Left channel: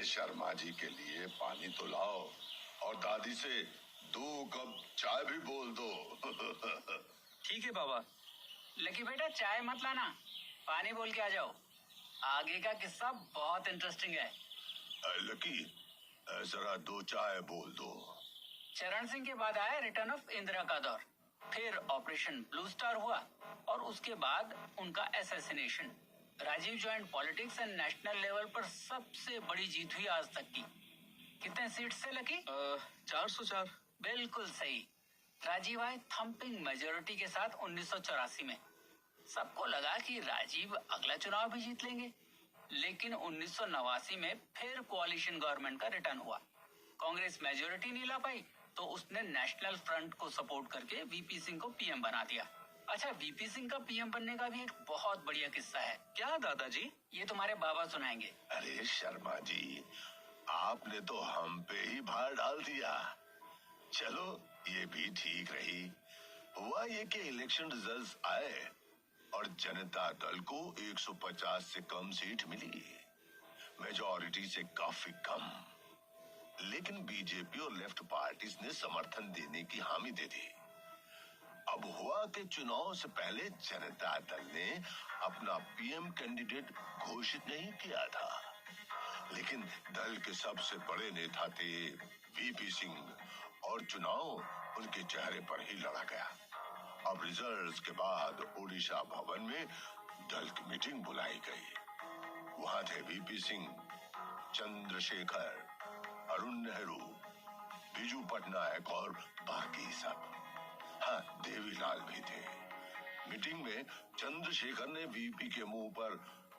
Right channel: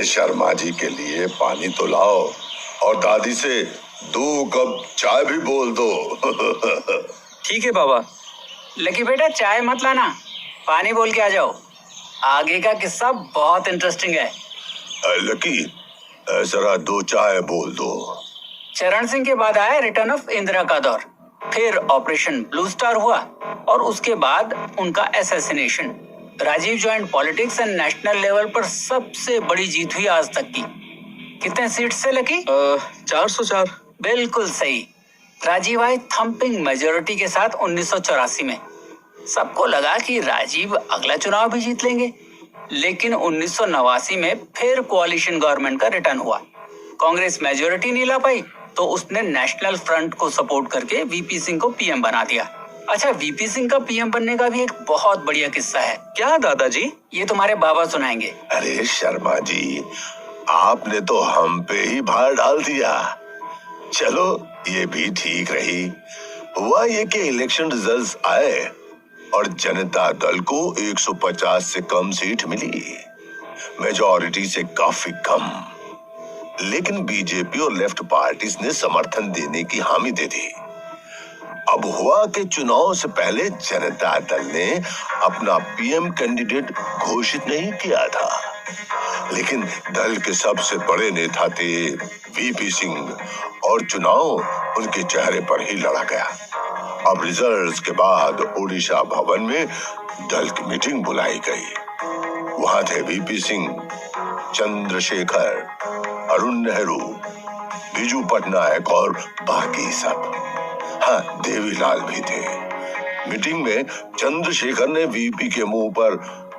अरे शर्मा जी के लिए पानी तो लाओ और दादी से 2 कप चाय भी बोल दो। ठीक है बाबा। लकी बेटा चाय मत लाना, पानी बोल के आ जाओ। आगे का किस्सा बहुत इंटरेस्टिंग है। लकी जरा 2 चाय बोल दो। चरण सिंह के बाद आया रिटर्न ऑफ इंदिरा का दौर, फिर ऑपरेशन ब्लू स्टार हुआ और उसके बाद उनका assassination. Rajiv joint politics and national level पर सबसे बड़ी जीत हुई आज तक की। कितने सीट से लकी? 404। बिल्कुल सही। राजीव आए थंपिंग मेजोरिटी के साथ 1984 में। सबको लगा कि राजीव अगला चुनाव भी जीत लेंगे, लेकिन 1989 में फिर कोalition गवर्नमेंट का रिटर्न हुआ। कांग्रेस मेजोरिटी नहीं ला पाई तो उसने नेशनल फ्रंट को सपोर्ट करके वीपी सिंह को पीएम बना दिया। अच्छा, वीपी सिंह का पीएम बनने का भी एक बहुत बढ़िया किस्सा है। क्या दादाजी? ये तुम्हारे बाबा सुनाएंगे। अरे शर्मा जी, आपने तो हम पे ही भार डाल दिया। चलो ये भी ठीक रही। हुआ ये कि इलेक्शन रिजल्ट्स आए और जनता दल को 150 से कम सीट मिली, मेजॉरिटी से काफी कम। लेकिन बीजेपी और लेफ्ट पार्टीज ने समर्थन देने की हामी दे दी। अब हुआ कि चुनाव से पहले जनता दल ने अपना पीएम कैंडिडेट घोषित नहीं किया था, लेकिन दल के सबसे बड़े नेता थे वीपी सिंह और चुनाव उनके चेहरे पर ही लड़ा गया। अब रिजल्ट्स के बाद ओडिशा भवन में दल की मीटिंग बुलाई गई। वहां थे वीपी सिंह, चंद्रशेखर, अरुण नेहरू, बीजू पटनायक और बाकी सब। हाँ, देवीलाल भी थे। मीटिंग में चंद्रशेखर ने वीपी के मुंह पर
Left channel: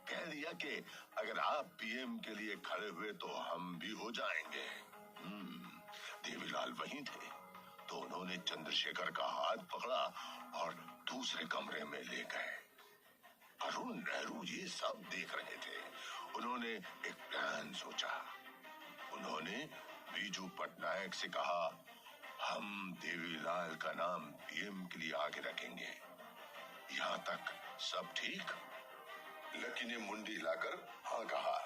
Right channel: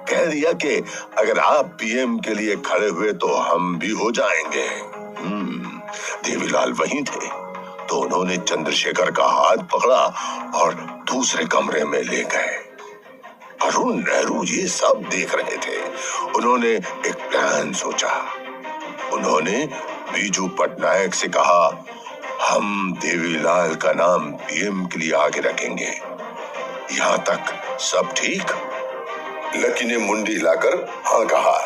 कह दिया कि अगर आप पीएम के लिए खड़े हुए तो हम भी हो जाएंगे। देवीलाल वहीं थे तो उन्होंने चंद्रशेखर का हाथ पकड़ा और दूसरे कमरे में ले गए। अरुण नेहरू ये सब देख रहे थे। उन्होंने एक प्लान सोचा। उन्होंने बीजू पटनायक से कहा, हम देवीलाल का नाम पीएम के लिए आगे रखेंगे। यहाँ तक सब ठीक? लकी ने मुंडी लाकर हाँ कहा,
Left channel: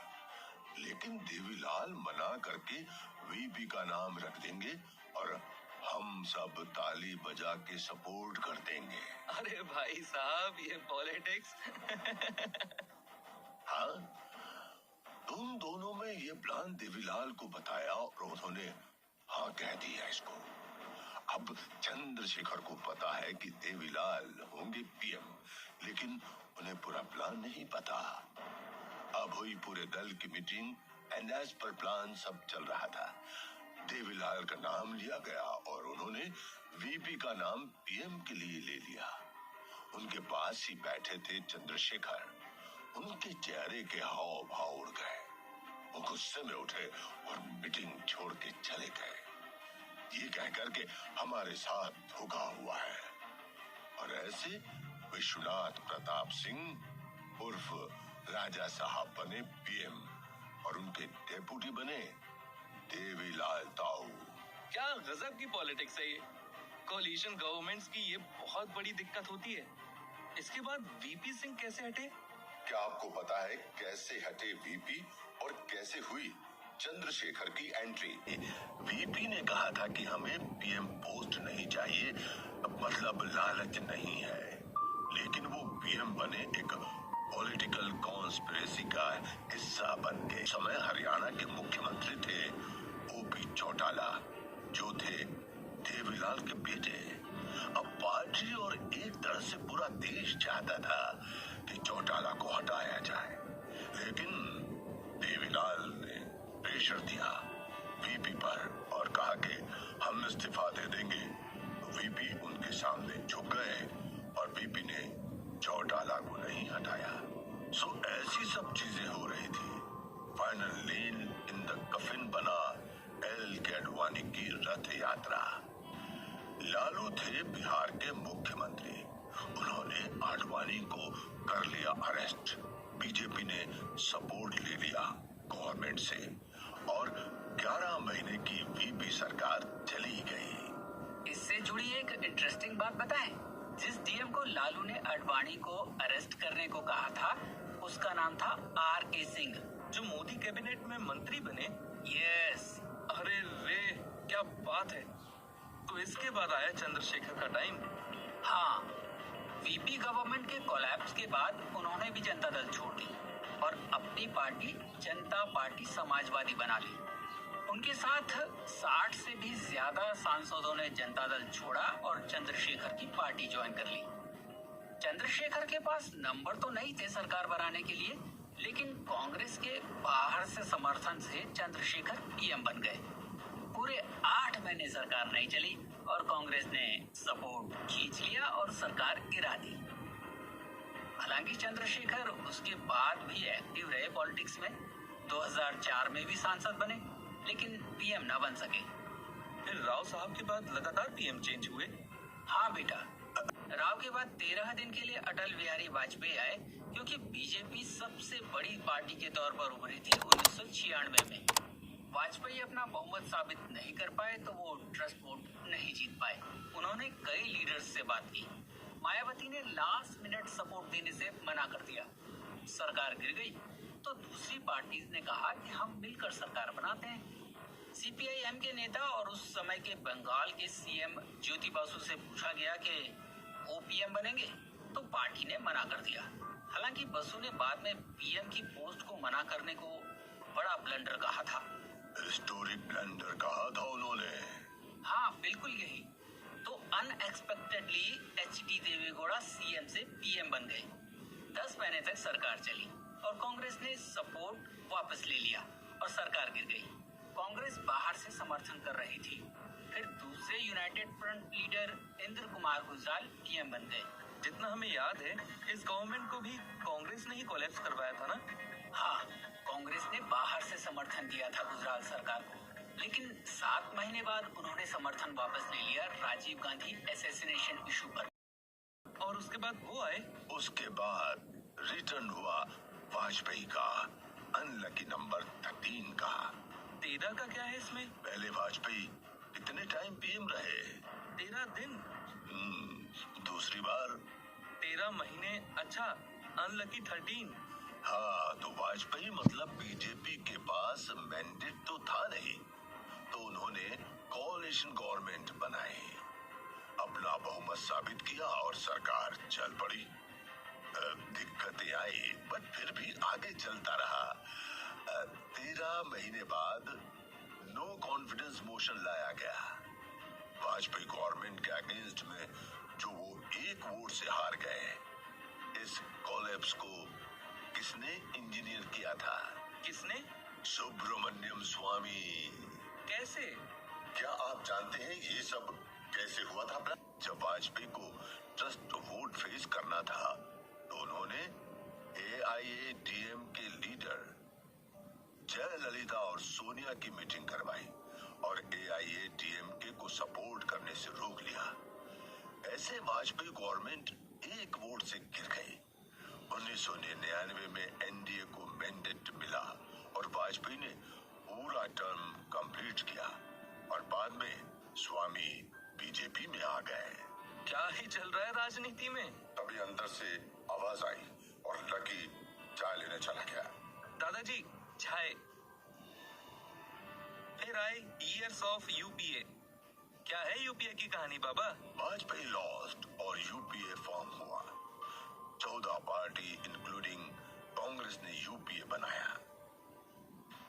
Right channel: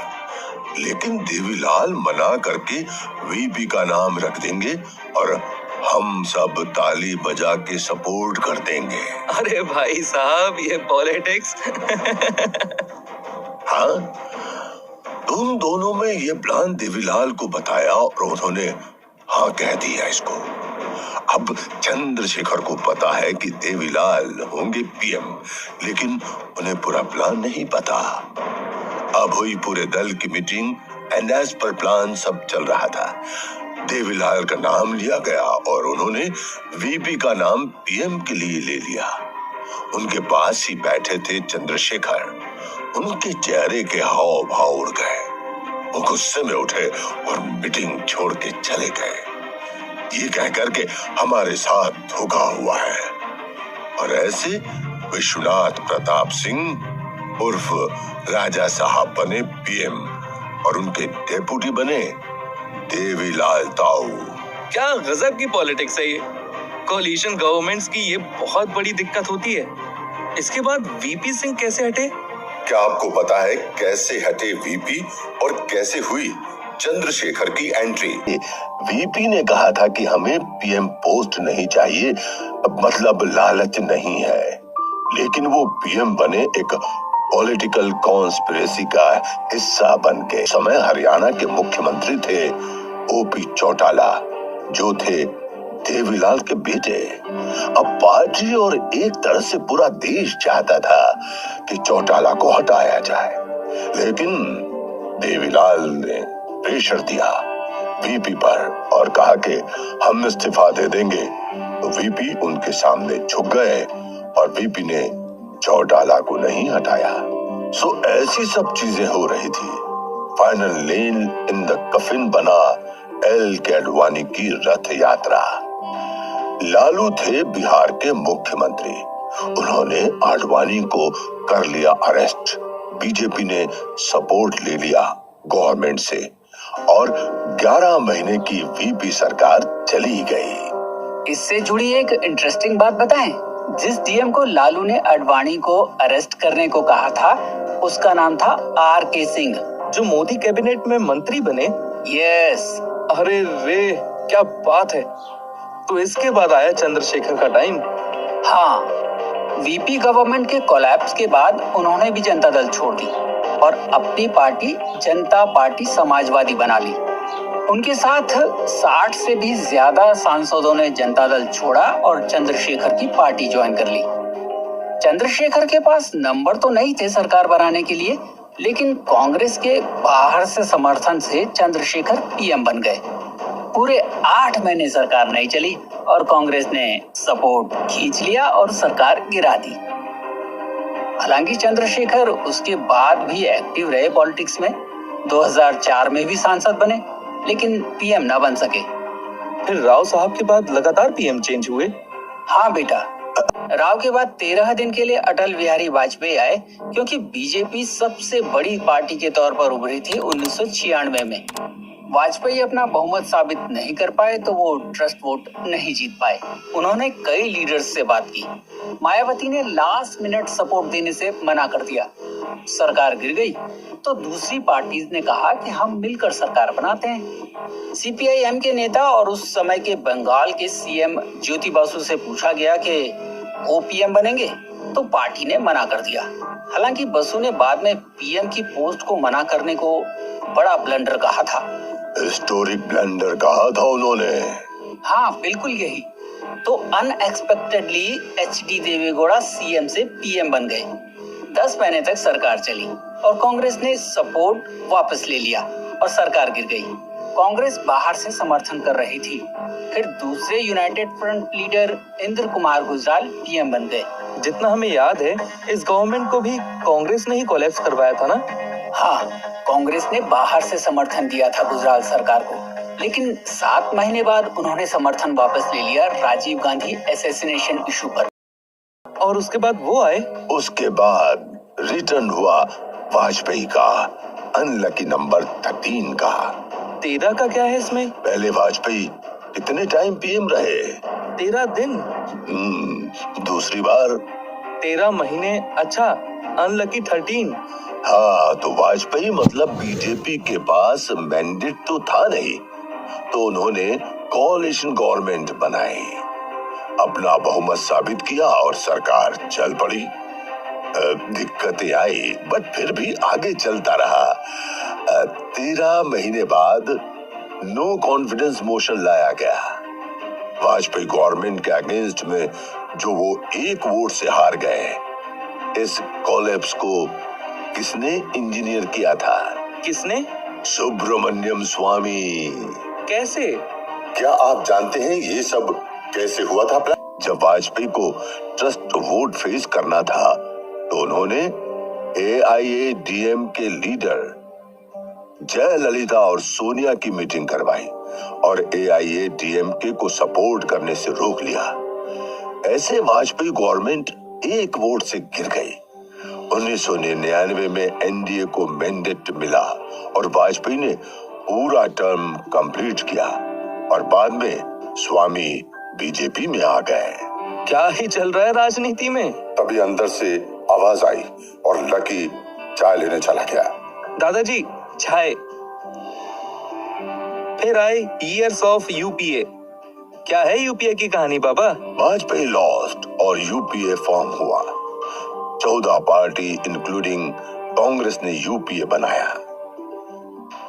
लेकिन देवीलाल मना करके वीपी का नाम रख देंगे और हम सब ताली बजा के सपोर्ट कर देंगे। अरे भाई साहब, ये पॉलिटिक्स। हाँ, तुम दोनों में ये प्लान देवीलाल को बताया और उन्होंने हाँ कह दिया इसको। अब चंद्रशेखर को पता है कि देवीलाल होंगे पीएम, लेकिन उन्हें पूरा प्लान नहीं पता। अब हुई पूरे दल की meeting and as per plan सब चल रहा था। देवीलाल का नाम लिया गया और उन्होंने वीपी का नाम पीएम के लिए ले लिया। उनके पास ही बैठे थे चंद्रशेखर। उनके चेहरे के हाव भाव उड़ गए। वो गुस्से में उठे और मीटिंग छोड़ के चले गए, ये कहकर के हमारे साथ धोखा हुआ है। और ऐसे विश्वनाथ प्रताप सिंह उर्फ राजा साहब बने पीएम और उनके डेप्यूटी बने देवीलाल ताऊ। क्या गजब की पॉलिटिक्स है ये। कोलिशन गवर्नमेंट्स की ये बहुत बड़ी दिक्कत होती है। इसके बाद वीपी सिंह कैसे हटे? क्या आपको पता है कैसे हटे वीपी और कैसे हुई चंद्रशेखर की एंट्री? वीपी ने कहा था कि हमें पीएम पोस्ट नहीं चाहिए, मतलब लालच नहीं है, लेकिन वो पीएम बने एक पॉलिटिकल कॉन्स्पिरेसी का हिस्सा बन के। समय हरियाणा के मुख्यमंत्री थे ओपी चौटाला, जो थे देवीलाल के बेटे। अब पार्टी और एक तरह से पूरा देश चाहता था कि चौटाला को हटाया जाए, लेकिन देवीलाल ने प्रेशर दिया वीपी पर और कहा कि हम इस्तीफा दे देंगे। तो वीपी उनके सामने झुक गए और वीपी ने चौटाला को नहीं हटाया। सो ऐसी सब चीजें हो रही थी। फाइनल लेन इन द कफिन बना एल के अडवाणी की रथ यात्रा। लालू थे बिहार के मुख्यमंत्री। उन्होंने आडवाणी को कर लिया अरेस्ट। बीजेपी ने सपोर्ट ले लिया गवर्नमेंट से और 11 महीने की वीपी सरकार चली गई। इससे जुड़ी एक इंटरेस्टिंग बात बताएं। जिस डीएम को लालू ने आडवाणी को अरेस्ट करने को कहा था, उसका नाम था आर के सिंह। जो मोदी कैबिनेट में मंत्री बने। यस। अरे रे, क्या बात है। तो इसके बाद आया चंद्रशेखर का टाइम। हाँ, वीपी गवर्नमेंट के कोलैप्स के बाद उन्होंने भी जनता दल छोड़ दी और अपनी पार्टी जनता पार्टी समाजवादी बना ली। उनके साथ 60 से भी ज्यादा सांसदों ने जनता दल छोड़ा और चंद्रशेखर की पार्टी ज्वाइन कर ली। चंद्रशेखर के पास नंबर तो नहीं थे सरकार बनाने के लिए, लेकिन कांग्रेस के बाहर से समर्थन से चंद्रशेखर पीएम बन गए। पूरे 8 महीने सरकार नहीं चली और कांग्रेस ने सपोर्ट खींच लिया और सरकार गिरा दी। हालांकि चंद्रशेखर उसके बाद भी एक्टिव रहे पॉलिटिक्स में। 2004 में भी सांसद बने, लेकिन पीएम ना बन सके। फिर राव साहब के बाद लगातार पीएम चेंज हुए। हाँ बेटा, राव के बाद 13 दिन के लिए अटल बिहारी वाजपेयी आए, क्योंकि बीजेपी सबसे बड़ी पार्टी के तौर पर उभरी थी 1996 में। वाजपेयी अपना बहुमत साबित नहीं कर पाए तो वो ट्रस्ट वोट नहीं जीत पाए। उन्होंने कई लीडर्स से बात की। मायावती ने लास्ट मिनट सपोर्ट देने से मना कर दिया। सरकार गिर गई तो दूसरी पार्टीज ने कहा कि हम मिलकर सरकार बनाते हैं। सीपीआई-एम के नेता और उस समय के बंगाल के सीएम ज्योति बासु से पूछा गया कि वो पीएम बनेंगे, तो पार्टी ने मना कर दिया। हालांकि बसु ने बाद में पीएम की पोस्ट को मना करने को बड़ा ब्लंडर कहा था। हिस्टोरिक ब्लंडर कहा था उन्होंने। हाँ, बिल्कुल यही। तो अनएक्सपेक्टेडली एचडी देवेगौड़ा सीएम से पीएम बन गए। 10 महीने तक सरकार चली और कांग्रेस ने सपोर्ट वापस ले लिया और सरकार गिर गई। कांग्रेस बाहर से समर्थन कर रही थी। फिर दूसरे United front leader Indra Kumar Gujral PM बन गए। जितना हमें याद है, इस गवर्नमेंट को भी कांग्रेस ने ही कोलैप्स करवाया था ना। हाँ, कांग्रेस ने बाहर से समर्थन दिया था गुजराल सरकार को, लेकिन 7 महीने बाद उन्होंने समर्थन वापस ले लिया राजीव गांधी असैसिनेशन इशू पर। और उसके बाद वो आए। उसके बाद रिटर्न हुआ वाजपेयी का अनलकी नंबर 13 का। 13 का क्या है इसमें? पहले वाजपेयी कितने टाइम पीएम रहे? 13 दिन। दूसरी बार 13 महीने। अच्छा, अनलकी 13। हाँ, तो वाजपेयी मतलब बीजेपी के पास मैंडेट तो था नहीं, तो उन्होंने कोalition गवर्नमेंट बनाई, अपना बहुमत साबित किया और सरकार चल पड़ी। दिक्कतें आई, बट फिर भी आगे चलता रहा। 13 महीने बाद नो कॉन्फिडेंस मोशन लाया गया। वाजपेयी गवर्नमेंट के अगेंस्ट में जो वो 1 वोट से हार गए। इस कोलैप्स को किसने इंजीनियर किया था? किसने? सुब्रमण्यम स्वामी। कैसे? क्या आप जानते हैं ये सब कैसे हुआ था? जब वाजपेयी को ट्रस्ट वोट फेस करना था तो उन्होंने AIADM के लीडर जयललिता और सोनिया की मीटिंग करवाई और AIADMK को सपोर्ट करने से रोक लिया। ऐसे वाजपेयी गवर्नमेंट 1 वोट से गिर गई। 1999 में एनडीए को मैंडेट मिला और वाजपेयी ने पूरा टर्म कंप्लीट किया और बाद में स्वामी बीजेपी में आ गए। क्या ही चल रहा है राजनीति में? तभी अंदर से आवाज आई और लकी चाय लेने चला गया। दादाजी, चाय। फिर आए ईयर्स ऑफ यूपीए। क्या है यूपीए की कहानी बाबा? वाजपेयी लॉस्ट और यूपीए फॉर्म हुआ। 14 पार्टी इंक्लूडिंग कांग्रेस ने यूपीए बनाया।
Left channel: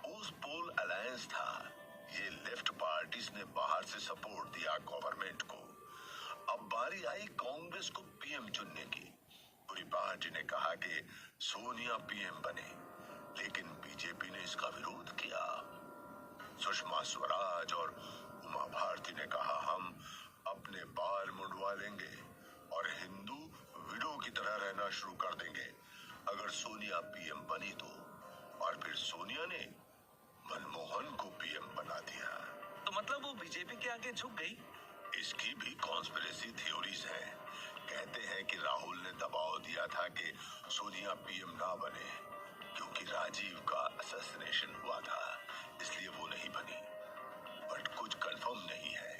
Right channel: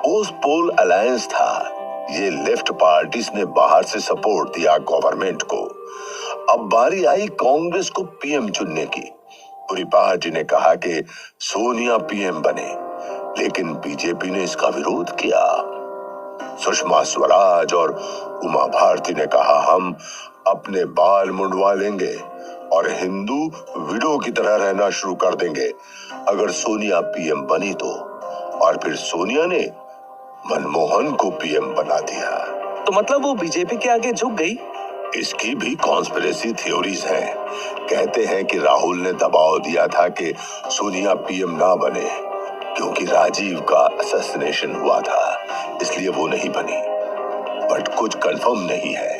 पोस्ट पोल अलायंस था। ये लेफ्ट पार्टीज ने बाहर से सपोर्ट दिया गवर्नमेंट को। अब बारी आई कांग्रेस को पीएम चुनने की। पूरी पार्टी ने कहा कि सोनिया पीएम बने, लेकिन बीजेपी ने इसका विरोध किया। सुषमा स्वराज और उमा भारती ने कहा हम अपने बाल मुंडवा लेंगे और हिंदू विडो की तरह रहना शुरू कर देंगे अगर सोनिया पीएम बनी तो। और फिर सोनिया ने मनमोहन को पीएम बना दिया। तो मतलब वो बीजेपी के आगे झुक गई? इसकी भी कॉन्स्पिरेसी थ्योरीज हैं। कहते हैं कि राहुल ने दबाव दिया था कि सोनिया पीएम ना बने क्योंकि राजीव का असैसिनेशन हुआ था, इसलिए वो नहीं बनी। बट कुछ कंफर्म नहीं है।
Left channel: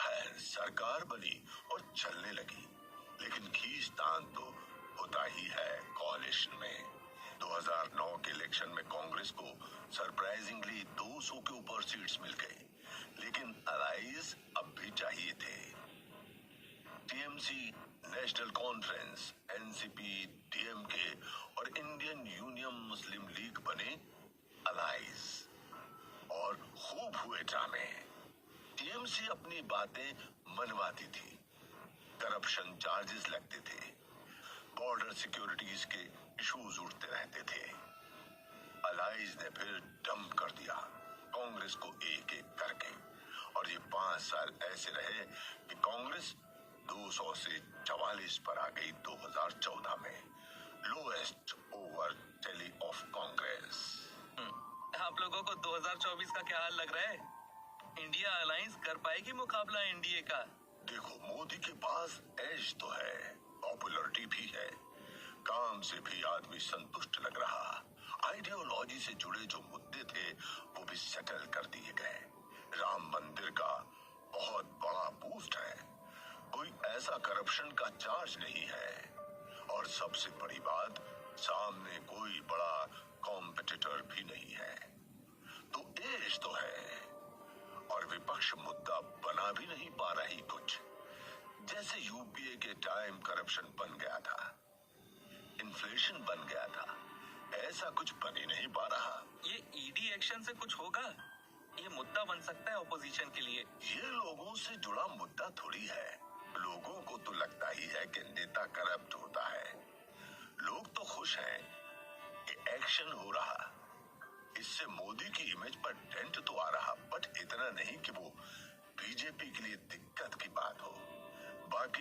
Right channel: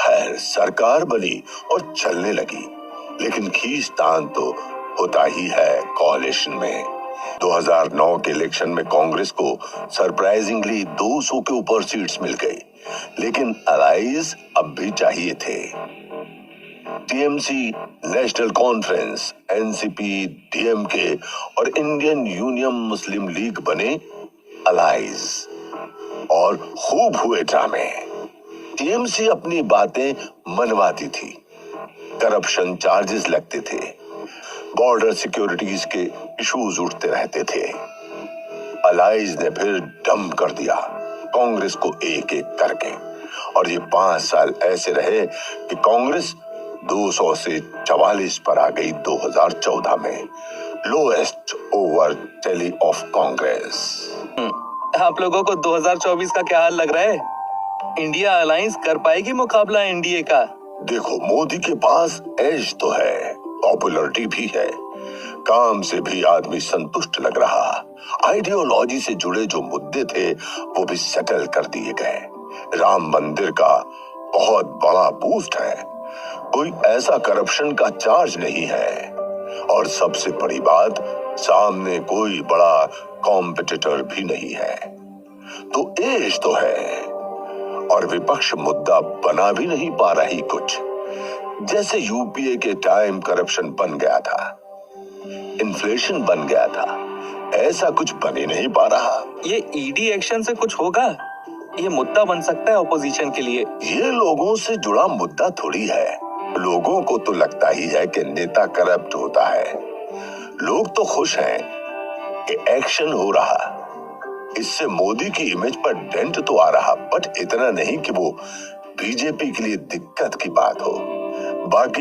खैर, सरकार बनी और चलने लगी, लेकिन खींचतान तो होता ही है कोalition में। 2009 के इलेक्शन में कांग्रेस को सरप्राइजिंगली 200 के ऊपर सीट्स मिल गई, लेकिन अलाइज अब भी चाहिए थे। TMC, national conference, NCP, DMK और इंडियन यूनियन मुस्लिम लीग बने अलाइज और खूब हुए ड्रामे। टीएमसी अपनी बातें मनवाती थी, करप्शन चार्जेस लगते थे, बॉर्डर सिक्योरिटीज के इश्यूज उठते रहते थे। अलाइज ने फिर डम कर दिया कांग्रेस को एक एक करके, और ये 5 साल ऐसे रहे कि कांग्रेस 200 से 44 पर आ गई 2014 में, lowest over tally of Congress. आप लोगों को 2024 का क्या हाल लग रहा है? इंडिया अलायंस कर पाएगी मुकाबला एनडीए का? देखो, मोदी के पास एज तो है, पॉपुलरिटी भी है, काम से भी आदमी संतुष्ट लग रहा, आइडियोलॉजी से जुड़े जो मुद्दे थे वो भी सेटल कर दिए गए, राम मंदिर का बहुत बड़ा बूस्ट है, कोई ऐसा करप्शन का चार्ज नहीं है, और सबसे बड़ी बात, सामने कोई बड़ा कॉम्पिटिटर भी नहीं है। तो एज तो है, और विपक्ष मुद्दा बना भी नहीं पा रही कुछ, जैसे यूपीए के टाइम करप्शन बन गया था, इन्फ्लेशन बन गया था, ऐसा कुछ बन ही नहीं पा रहा। ये ईडी एक्शन से कुछ होगा? ये मुद्दा बन सकता है ऑपोजिशन के लिए। ये लोगों से जुड़ा मुद्दा थोड़ी है, लोगों को तो लगता ही है कि नेता करप्ट होता है, लोग तो खुश हैं कि एक्शन हो रहा, इससे मोदी की इमेज पर डेंट तो आ रहा, बट इतना नहीं कि वो बीजेपी के लिए दिक्कत की बात हो। बाकी